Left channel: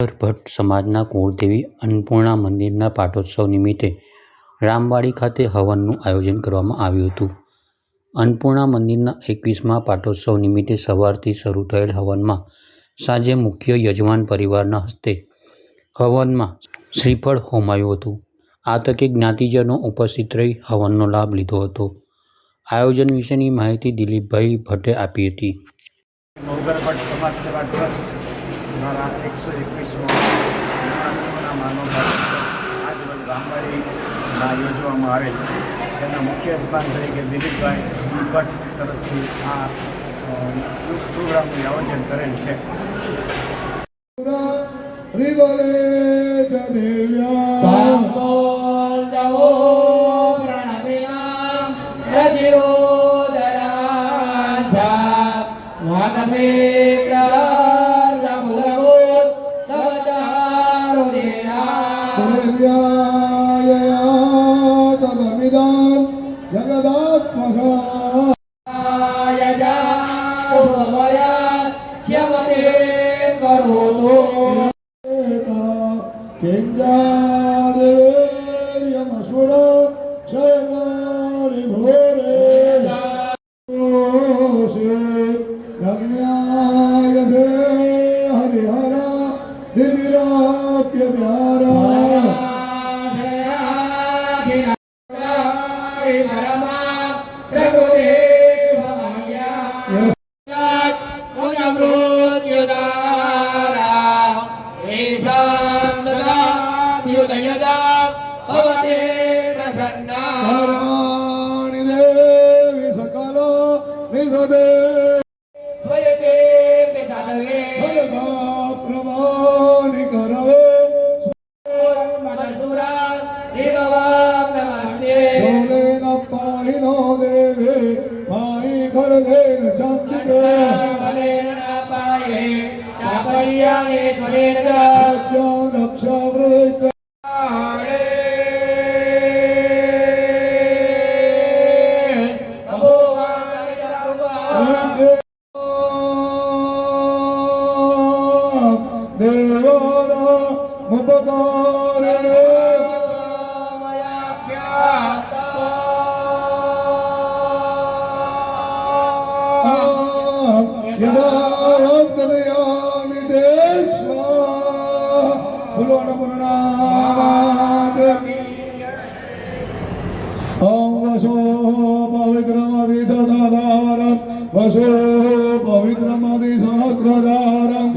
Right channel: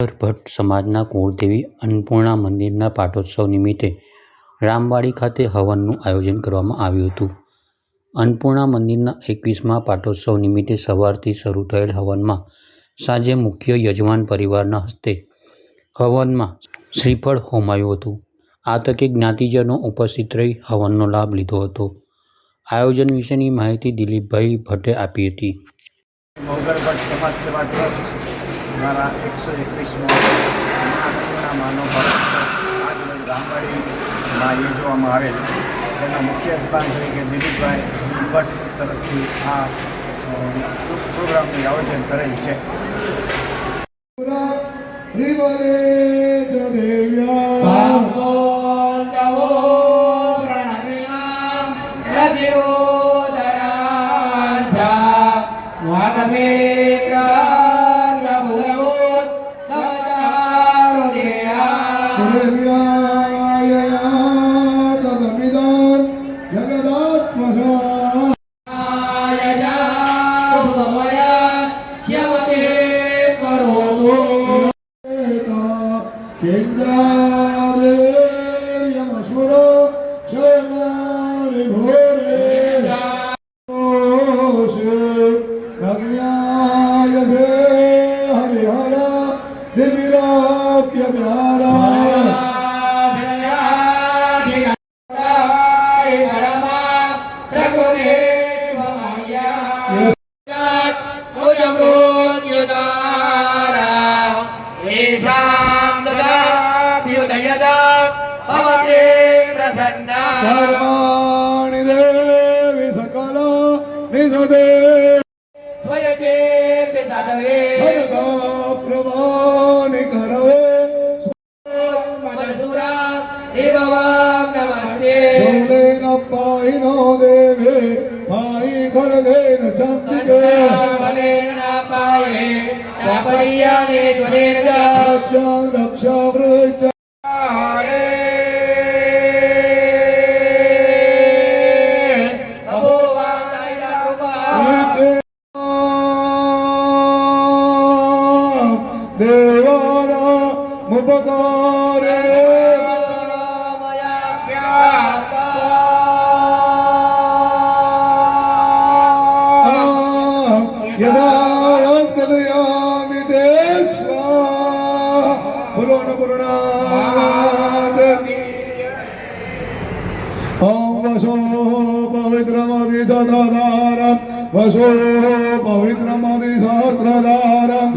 ભટ્ટ સમાજના કુળદેવી અન્નપૂર્ણા મંદિરના પાટોત્સવ નિમિત્તે રામવાડી ખાતે હવનનું આયોજન કરવામાં આવ્યું હતું. અન્નપૂર્ણા મંદિરના 21મા પાટોત્સવ નિમિત્તે સવારથી શરૂ થયેલ હવનમાં સાંજે મુખ્ય યજમાન પરિવારના હસ્તે હવનમાં શ્રીફળ હોમાયું હતું. આ તકે જ્ઞાતિજનો ઉપસ્થિત રહી હવનનો લાભ લીધો હતો. આયોજન વિશેની માહિતી દિલીપભાઈ ભટ્ટે આપી હતી. મૌગર ભટ્ટ સમાજ સેવા ટ્રસ્ટ દ્વારા 121મો અન્નપૂર્ણા માનો પાટોત્સવ આજ રોજ રામવાડીમાં યોજવામાં આવેલ. તેના મુખ્ય યજમાન તરીકે દિલીપભાઈ ભટ્ટ તરફથી આ પ્રોગ્રામનું આયોજન કરેલ છે. पवित्रमधि सहस्रधारं